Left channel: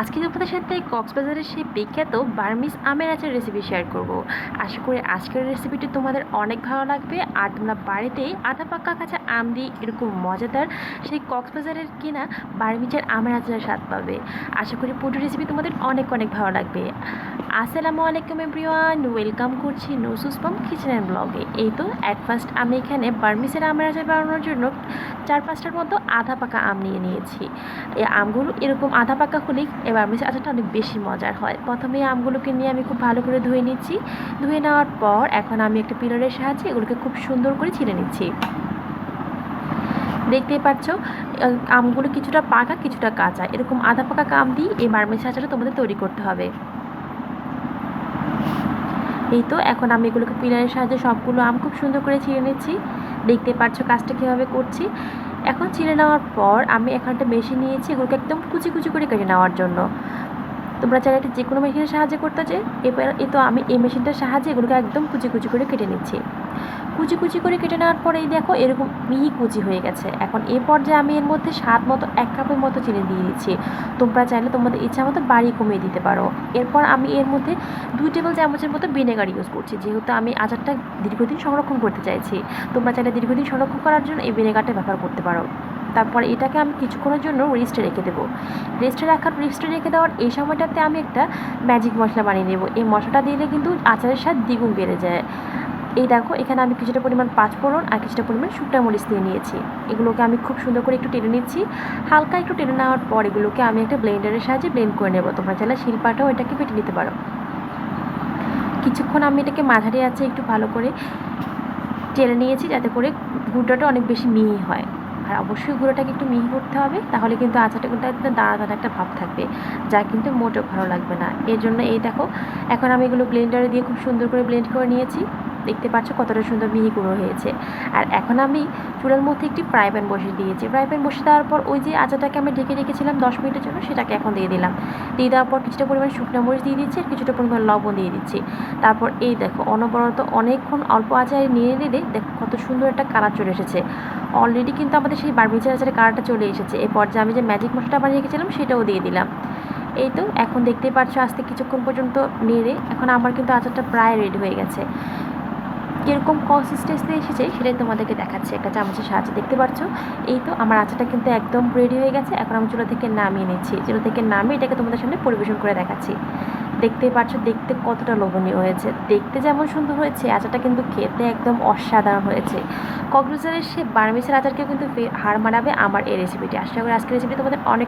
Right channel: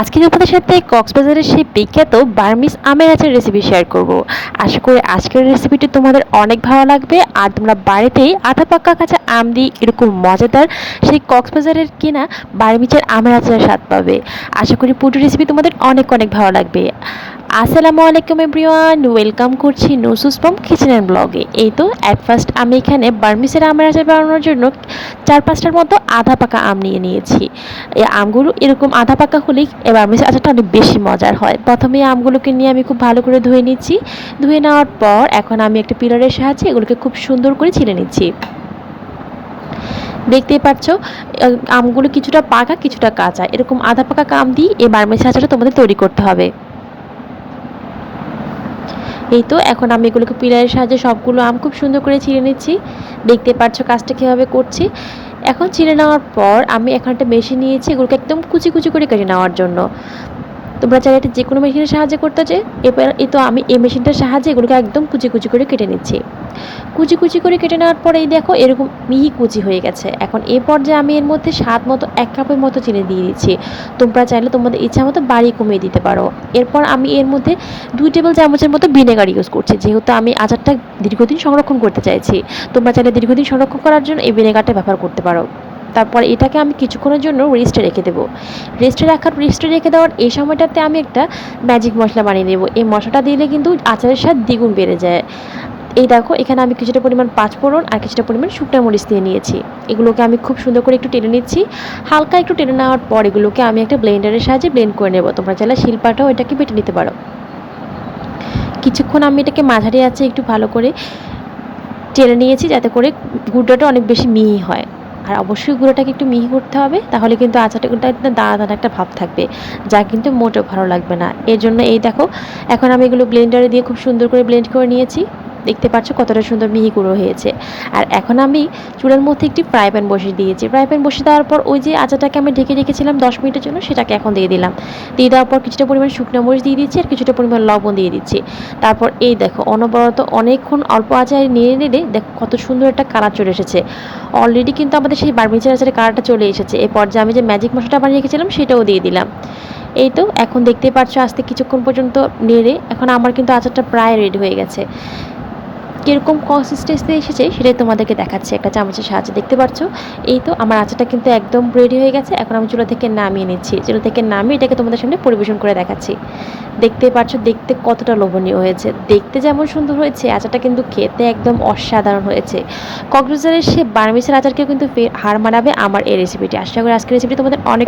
আজকে আপনাদের সাথে কক্সবাজারের সেই বিখ্যাত বার্মিজ আমের আচার রেসিপি শেয়ার করব। আশা করি আজকের রেসিপিটি তোমাদের অনেক ভালো লাগবে আর তোমরা বাড়িতেই আধা পাকা কাঁচা আম দিয়ে এরকম মজাদার সেই কক্সবাজারের কিনা বার্মিজের আমের আচারের স্বাদ পাবে। আশা করি পুরো রেসিপি তোমাদের অনেক অনেক ভালো লাগবে। আসসালামু আলাইকুম এভরিওয়ান, ওয়েলকাম করছি নুসুস ফ্রম কিচেন অ্যান্ড ব্লগে। এই তো অ্যাট ফার্স্ট আমি এখানে বার্মিজের আমের আচার বানানোর জন্য 4-5টার মতো আধা পাকা আম নিয়ে নিয়েছি। এই আমগুলো এরকম আধা পাকা হলেই এবার বার্মিজ আচারটা অনেক বেশি মজার হয়। প্রথমে আমগুলোকে নিয়ে আমি খুব ভালো করে ধুয়ে নিচ্ছি। ধুয়ে নেওয়ার পর এখন আমি একটা পিলারের সাহায্যে এগুলোকে খুব সুন্দর করে ছিলে নিচ্ছি। দেখতেই পাচ্ছ আমগুলো কিছুটা পাকা কিছুটা কাঁচা, এরকম আধা পাকা আম দিয়ে এই বার্মিজ আচারটা তোমাদের তৈরি করতে হবে। এই তো এখন আমি এগুলোকে পিলারের সাহায্যে সবগুলো আম খুব সুন্দর করে ছিঁড়ে নিচ্ছি। দেখতে পাচ্ছ কাজটা কীভাবে করছি। এখন ছিঁড়ে নেওয়ার পর আমি এখন একটা মেশিন নিয়েছি এগুলোকে একদম কুচি কুচি করে কেটে নেওয়ার জন্য। তোমরা চাইলে এটা যে কোনো মেশিনের সাহায্যে করতে চাই। এবার এই তো আমি এই মেশিনটার সাহায্যে এগুলোকে একদম কুচি কুচি করে কেটে নিচ্ছি। কুচি কুচি করে কেটে নেওয়ার পরে এই দেখো এরকম মিহি কুচি হয়ে গেছে। এখন এই পর্যায়ে আমি এর মধ্যে স্বাদ মতো 1 কাপের মতো চিনি দিয়ে দিচ্ছি। তোমরা চাইলে তোমাদের ইচ্ছা মতো বাড়িয়ে কমিয়ে দিতে পারো। এরপর আমি এর মধ্যে 2 টেবিল চামচের মতো ভিনেগার ইউজ করছি, যেহেতু আমি আচারটা দীর্ঘদিন সংরক্ষণ করতে চাইছি। তোমরা চাইলে দীর্ঘদিন সংরক্ষণ করার জন্য এই ভিনেগারটা ব্যবহার করতে পারো। তারপর এটাকে আমি কিছুক্ষণের জন্য রেস্টে রেখে দেবো। রেস্টে রেখে দেওয়ার এই সময়টাতে আমি একটা ম্যাজিক মশলা বানিয়ে নেব। এই মশলাটা দিলে কিন্তু আচারের স্বাদ দ্বিগুণ বেড়ে যায়। এই দেখো এখানে আমি কিছুটা পরিমাণ পাঁচফোড়ন আর কিছুটা পরিমাণ শুকনো মরিচ দিয়ে নিয়েছি। এগুলোকে আমি খুব সুন্দর করে একটু টেনে নিচ্ছি। হালকা একটু টেনে নেওয়ার পর এগুলোকে আমি একটা ব্লেন্ডারের সাহায্যে ব্লেন্ড করে নেব। তোমরা চাইলে শিলপাটাও এটাকে বেটে নিতে পারো। কিছুক্ষণ আমি এটাকে মাঝারি আঁচে একটু ভালো করে টেনে নিয়েছি, যাতে করে গুঁড়োটা অনেক বেশি মিহি হয়। আর অবশ্যই গুঁড়োটাকে একটু মিহি করতে হবে, তাহলে কিন্তু আচারটা দানা দানা একটা ভাব থাকবে, যা কিন্তু মোটেও ভালো লাগবে না। এর জন্য এই দেখো এখন আমি এগুলো ব্লেন্ডারে দিয়ে খুব সুন্দর করে ব্লেন্ড করে নিয়েছি। দেখতে পাচ্ছ কতটা সুন্দর মিহি গুঁড়ো হয়েছে। আর এখন আমি চুলার মধ্যে একটি ফ্রাই প্যান বসিয়ে দিয়েছি। ফ্রাই প্যান বসিয়ে দেওয়ার পর ওই যে আচারটাকে আমি ঢেকে রেখেছিলাম 10 মিনিটের জন্য, সেটাকে এখন দিয়ে দিলাম। দিয়ে দেওয়ার পর কিছুটা পরিমাণ শুকনো মরিচ দিয়ে দিচ্ছি আর কিছুটা পরিমাণ লবণ দিয়ে দিচ্ছি। তারপর এই দেখো অনবরত অনেকক্ষণ অল্প আঁচে নেড়ে নেড়ে দেখো কত সুন্দর একটা কালার চলে এসেছে। অলরেডি কিন্তু আমাদের সেই বার্মিজের আচারের কালারটা চলে এসেছে। এই পর্যায়ে আমি যে ম্যাজিক মশলাটা বানিয়ে রেখেছিলাম সেটাও দিয়ে দিলাম। এই তো এখন দেখতেই পাচ্ছ আস্তে কিছুক্ষণ পর্যন্ত নেড়ে এখন আমার কিন্তু আচারটা প্রায় রেডি হয়ে গেছে। কীরকম কনসিস্টেন্সি এসেছে সেটাই তোমাদেরকে দেখাচ্ছি একটা চামচের সাহায্যে। দেখতে পাচ্ছ এই তো আমার আচারটা কিন্তু একদম রেডি হয়ে গেছে। এখন আমি চুলা থেকে নামিয়ে নিচ্ছি। চুলা থেকে নামিয়ে এটাকে তোমাদের সামনে পরিবেশন করে দেখাচ্ছি। দেখতেই পাচ্ছ দেখতে কতটা লোভনীয় হয়েছে। দেখতে যেমন সুন্দর হয়েছে, আচারটা কিন্তু খেতে একদম অসাধারণ হয়েছে। কক্সবাজারের সে বার্মিজের আচারকেও কিন্তু হার মানাবে আমার এই রেসিপিটি। আশা করি আজকের রেসিপি তোমাদের অনেক